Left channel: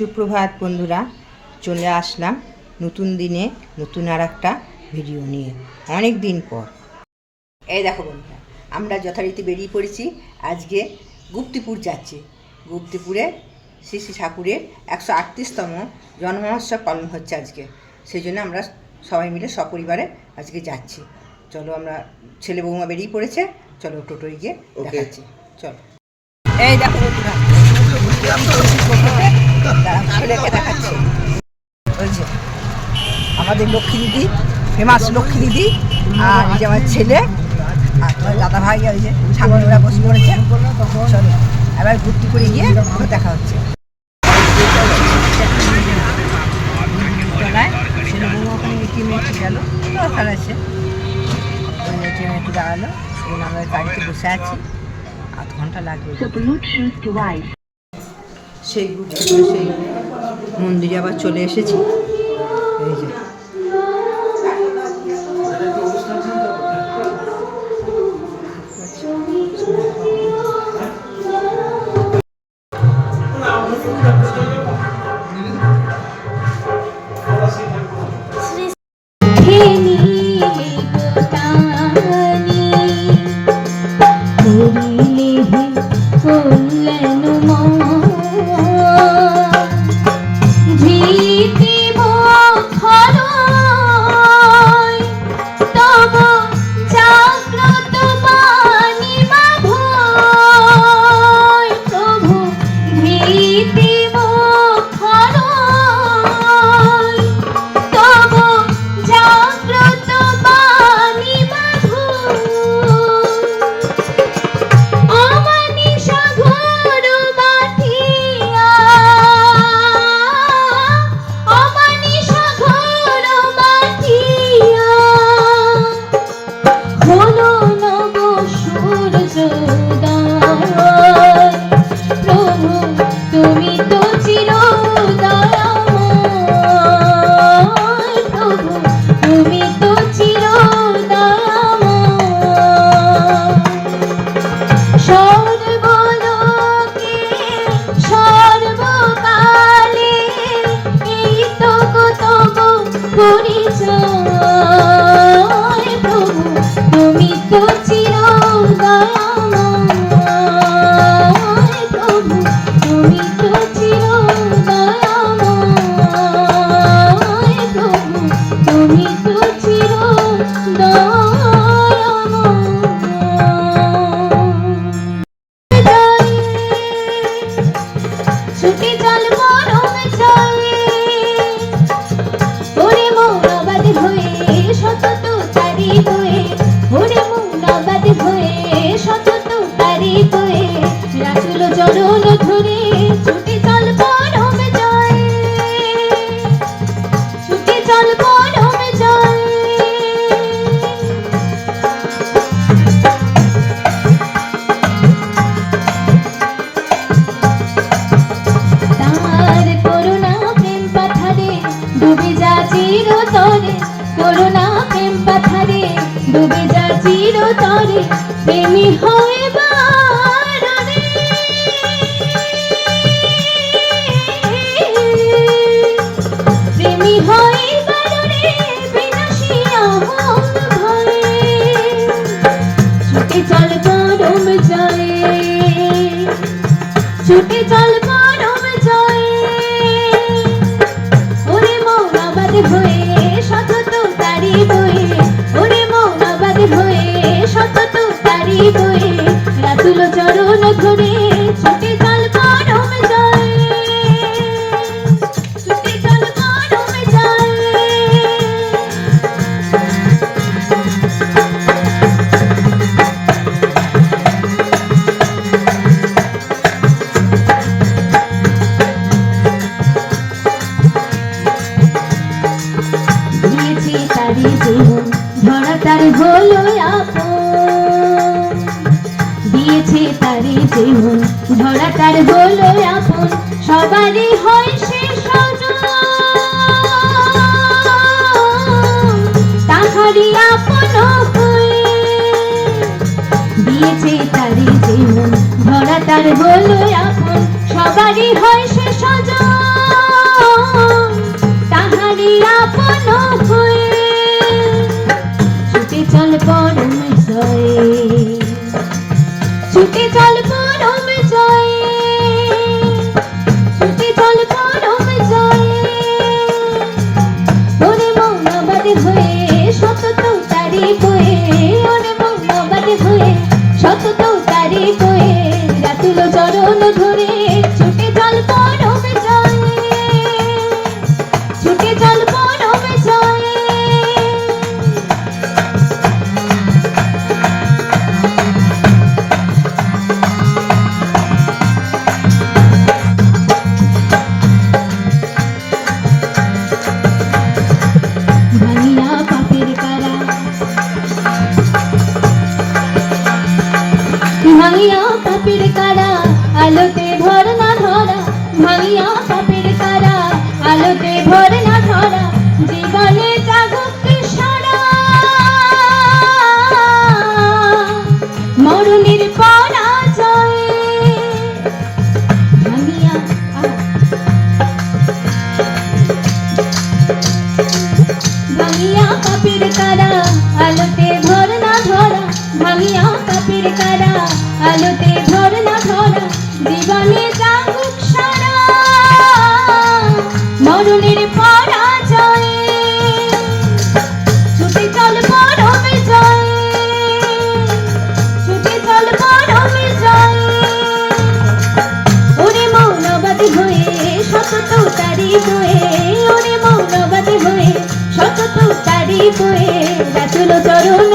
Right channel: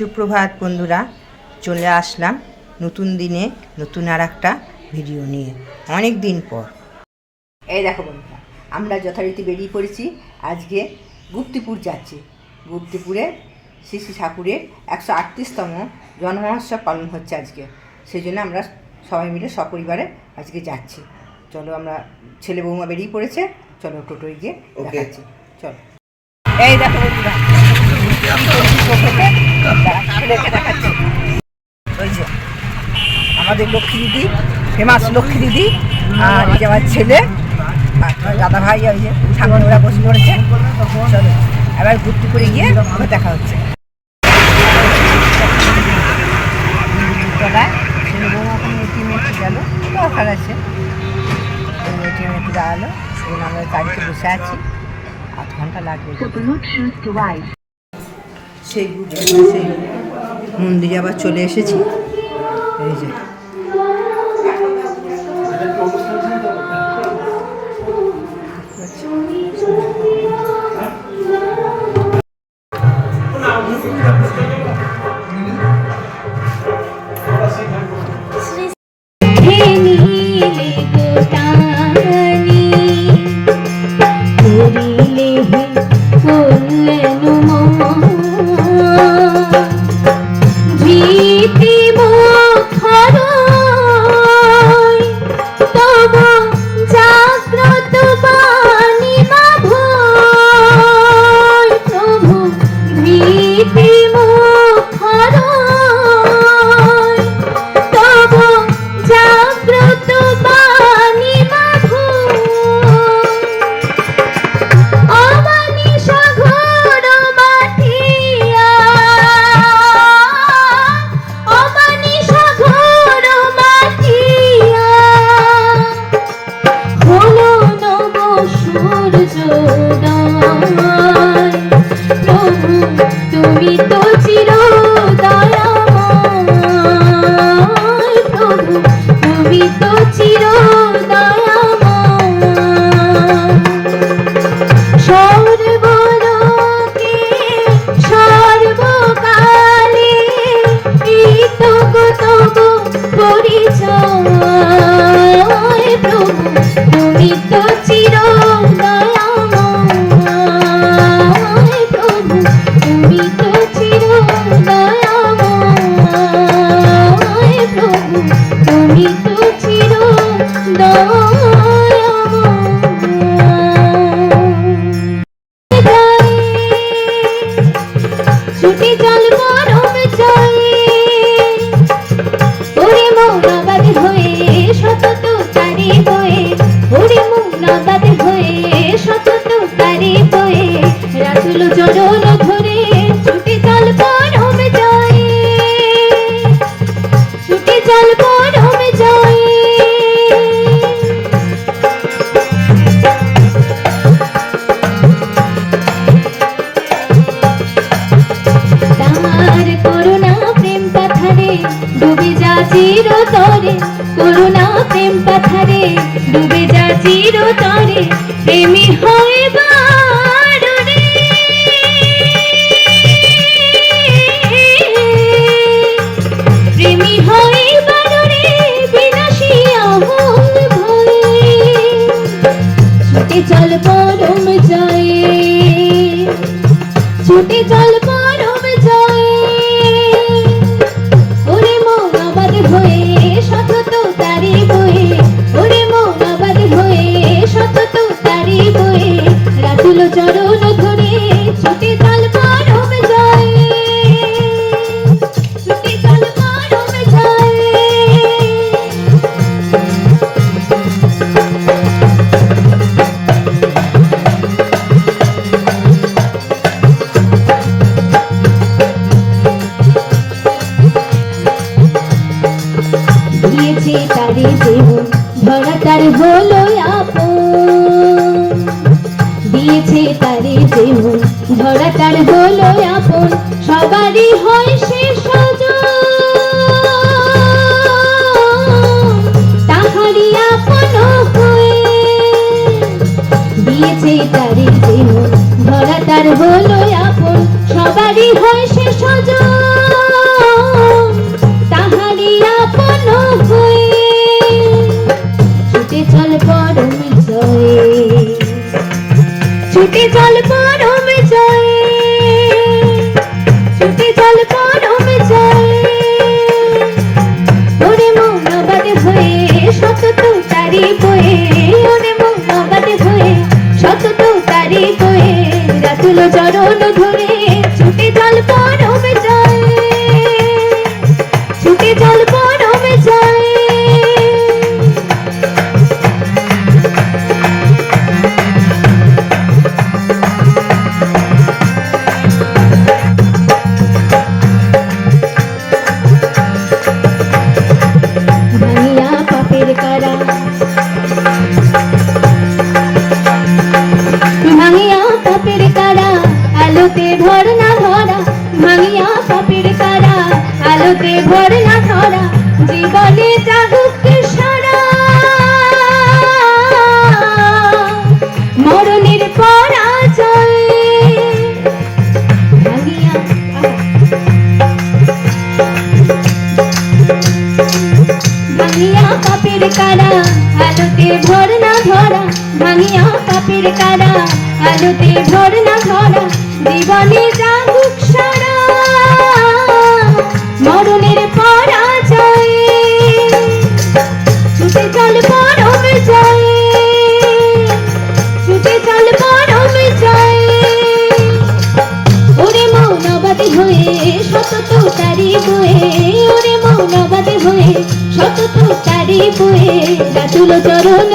সুপ্রভাত বন্ধুরা, চলে আসলাম নতুন দিনে নতুন আর একটা ভিডিও নিয়ে অনেক দিন পর। এই দেখো বন্ধুরা, আমরা যথারীতি বেরিয়ে পড়েছি। আজকে গুপ্তিপুর যাচ্ছি। গুপ্তিপুরে শ্রী শ্রী ঠাকুরের 138তম জন্মোৎসব পালন হচ্ছে আজকে। সেই জন্য আমরা সবাই মিলে সপরিবারে আজকে যাচ্ছি। চলো, আমরা ছেলে বৌমা বেরিয়ে পড়েছে, চলো টোটোয় গিয়ে দেখাচ্ছি। চলো, এই দেখো বন্ধুরা, ছেলেকে দেখাচ্ছে। ওই যে আমাদের লক্ষ্মী দিদি, ফেমাস লক্ষ্মী দিদি, আর এই যে আমার ছেলে আর তোমার দাদা ভাই, ওই যে সামনে ওরা বসে পড়েছে। চলো এবার ঘুরতে করে গিয়ে দেখা হচ্ছে। তলায় ছেলে বৌমা ওখানে এটিএমে একটু গেল, দরকার আছে, ওই এটিএমে একটু দাঁড়ালো। সেদিন আমরা গাড়িতে বসে আছি, আধ ঘন্টা লাগবে। সেই সেই মন্দিরে আবার চলে এসেছি। এই যে ধরা তার হলো আপন, সবারই হয় সে সজন। ভাঙিয়া পাপের কারা আলোতে ভর না ধরা জীবনে জাগুক সারা মরণের পরাজয় ভাঙিয়া পাপের কারা আলোতে ভর না ধরা ভাঙিয়া পাপের কারা আলোতে ভর না ধরা জীবনে জাগুক সারা মরণের পরাজয় ছুটে চল পরম জয় ছুটে চল পরম জয় ওরে মৌনবাদী হয়ে সতত তারি বয়ে ওরে মৌনবাদী হয়ে সতত তারি বয়ে রাতুল চরণ